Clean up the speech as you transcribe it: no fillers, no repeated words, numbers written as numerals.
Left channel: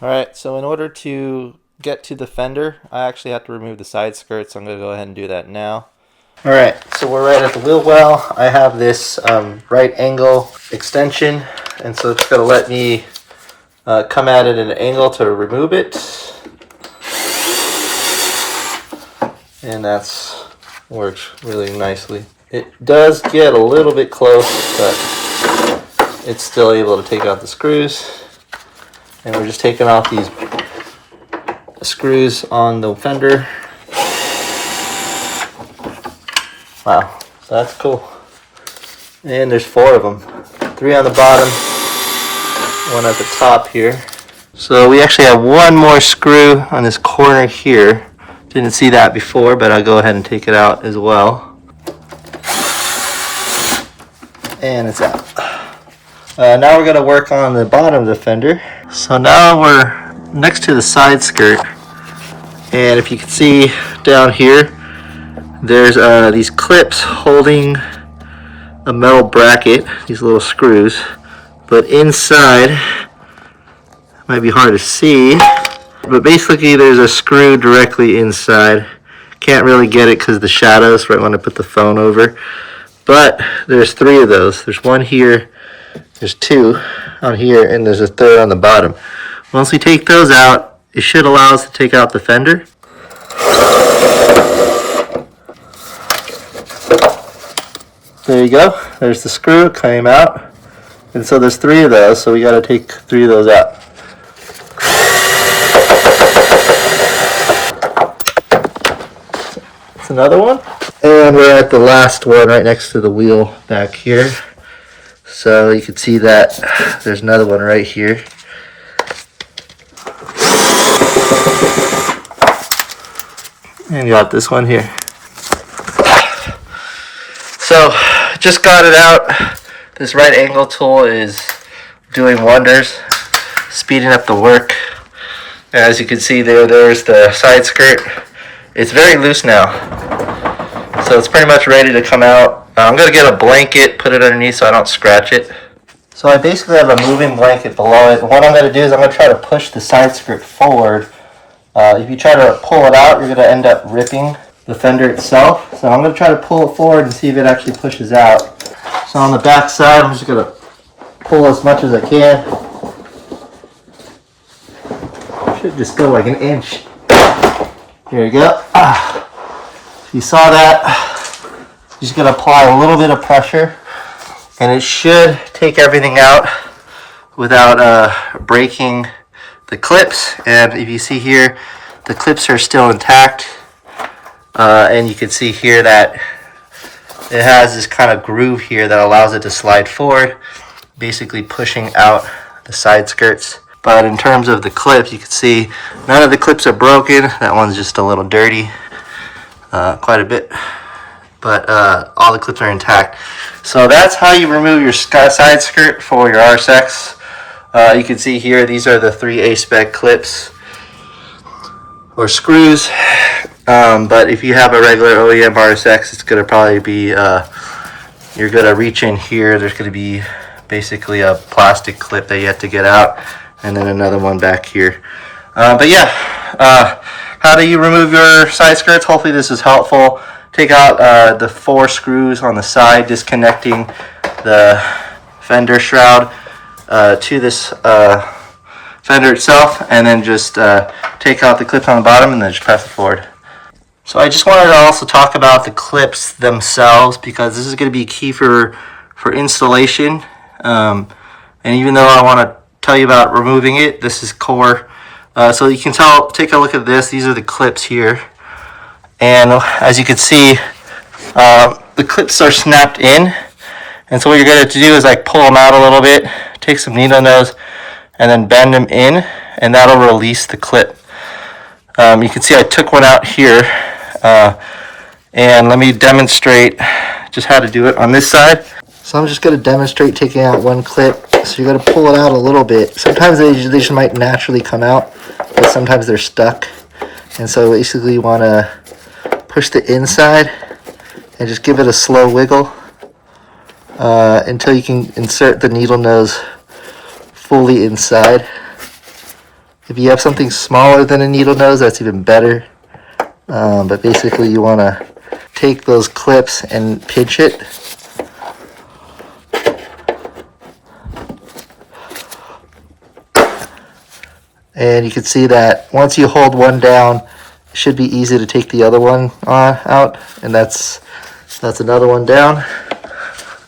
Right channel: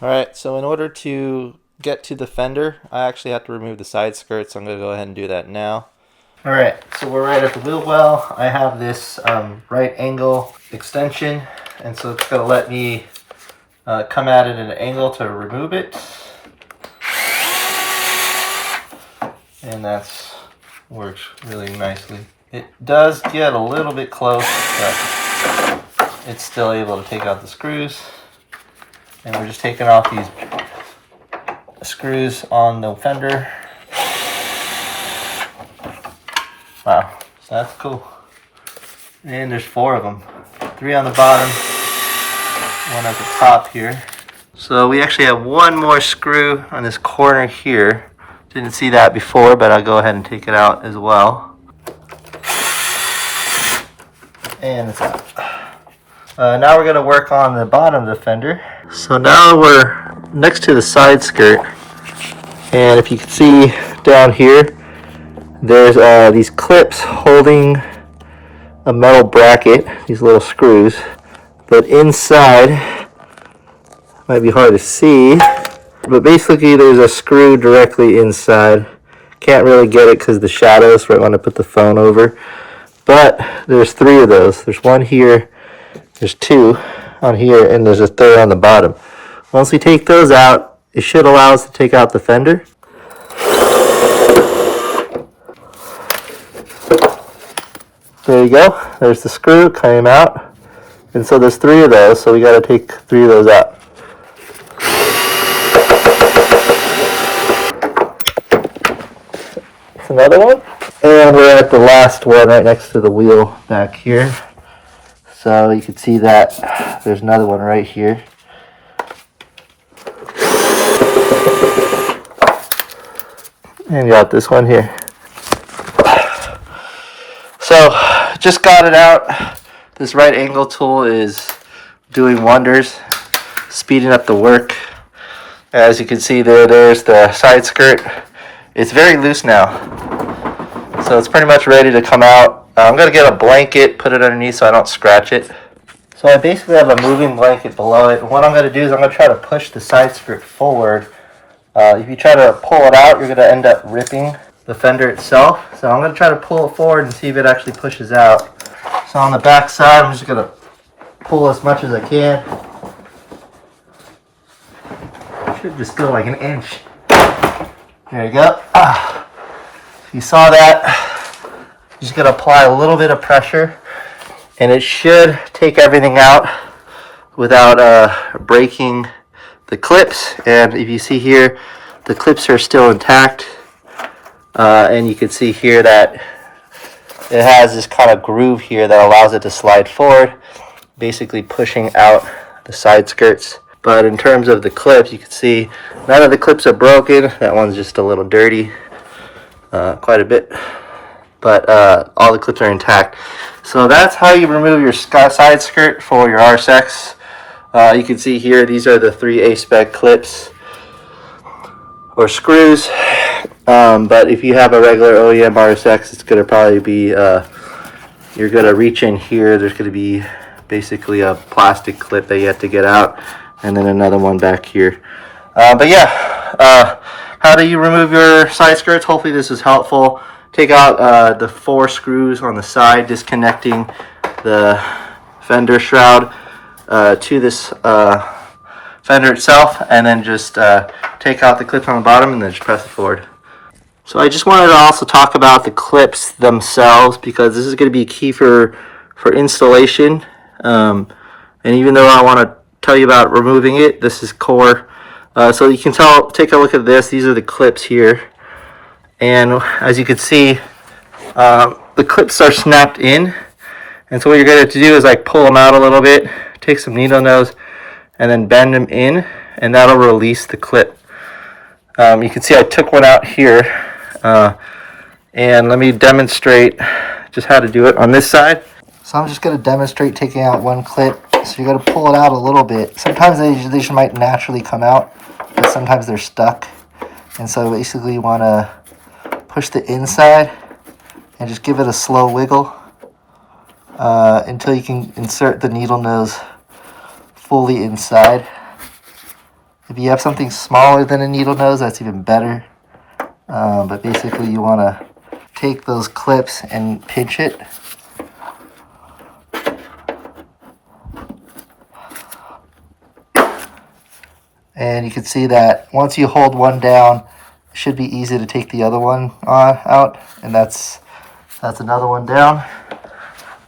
Alright, so in order to get to the fender, I actually have to remove the side skirt, so I'm going to go ahead and do that now. Alright, so we're right at the wheel well. I have this right angle extension, and so it's going to let me come at it at an angle to remove it. And that's works really nicely. It does get a little bit close, but it's still able to take out the screws. And we're just taking off these screws on the fender. Wow, so that's cool. And there's 4 of them. 3 on the bottom, 1 at the top here. So we actually have 1 more screw on this corner here. Didn't see that before, but I'll go ahead and take it out as well. And it's out. Now we're going to work on the bottom of the fender. So now we're next to the side skirt. And if you can see down here, there's these clips holding a metal bracket, these little screws. But inside, might be hard to see, but basically there's a screw directly inside. Can't really get it because of the shadows right when I put the phone over. But there's 3 of those. There's 1 here, there's 2 on here, and there's a 3rd on the bottom. Once we take those out, it should allow us to take out the fender. There you go. There's the screw, came out. And so there's 3 of those, so we got to take 3 of those out. That's another one. And we're at the last one right next to the wheel back here. So you can see that there's another one right here. And you got this one here. So just got it out. This right angle tool is doing wonders, speeding up the work. As you can see there's the side skirt. It's very loose now, so it's pretty much ready to come out. I'm going to get a blanket, put it underneath so I don't scratch it. So I basically have a moving blanket below it. What I'm going to do is I'm going to try to push the side skirt forward. If you try to pull it out, you're going to end up ripping the fender itself. So I'm going to try to pull it forward and see if it actually pushes out. So on the back side, I'm just going to pull as much as I can. Should just go like an inch. There you go. You saw that. You're just going to apply a little bit of pressure, and it should take everything out without breaking the clips. And if you see here, the clips are still intact. And you can see here that it has this kind of groove here that allows it to slide forward, basically pushing out the side skirts. But in terms of the clips, you can see none of the clips are broken. That one's just a little dirty, quite a bit. But all the clips are intact. So that's how you remove your side skirt for your RSX. You can see here, these are the 3 A-spec clips or screws. But if you have a regular OEM RSX, it's going to probably be, you're going to reach in here. There's going to be basically a plastic clip that you have to get out, and then another one back here. But yeah, how do you remove your side skirts? Hopefully this is helpful. Take out the 4 screws on the side, disconnecting the fender shroud to this fender itself, and then just take out the clips on the bottom and then just press it forward. So I just wanted to also talk about the clips themselves, because this is going to be key for installation. And even though I want to tell you about removing it, this is core. So you can tell, take a look at this. These are the clips here. And as you can see, the clips are snapped in. And so what you're going to do is like pull them out a little bit, take some needle nose, and then bend them in, and that'll release the clip. You can see I took one out here. And let me demonstrate just how to do it on this side. So I'm just going to demonstrate taking out one clip. So you're going to pull it out a little bit. Sometimes they just might naturally come out, but sometimes they're stuck. And so basically you want to push the inside and just give it a slow wiggle until you can insert the needle nose fully inside. If you have something smaller than a needle nose, that's even better. But basically you want to take those clips and pinch it. And you can see that once you hold one down, it should be easy to take the other one out. And that's another one down.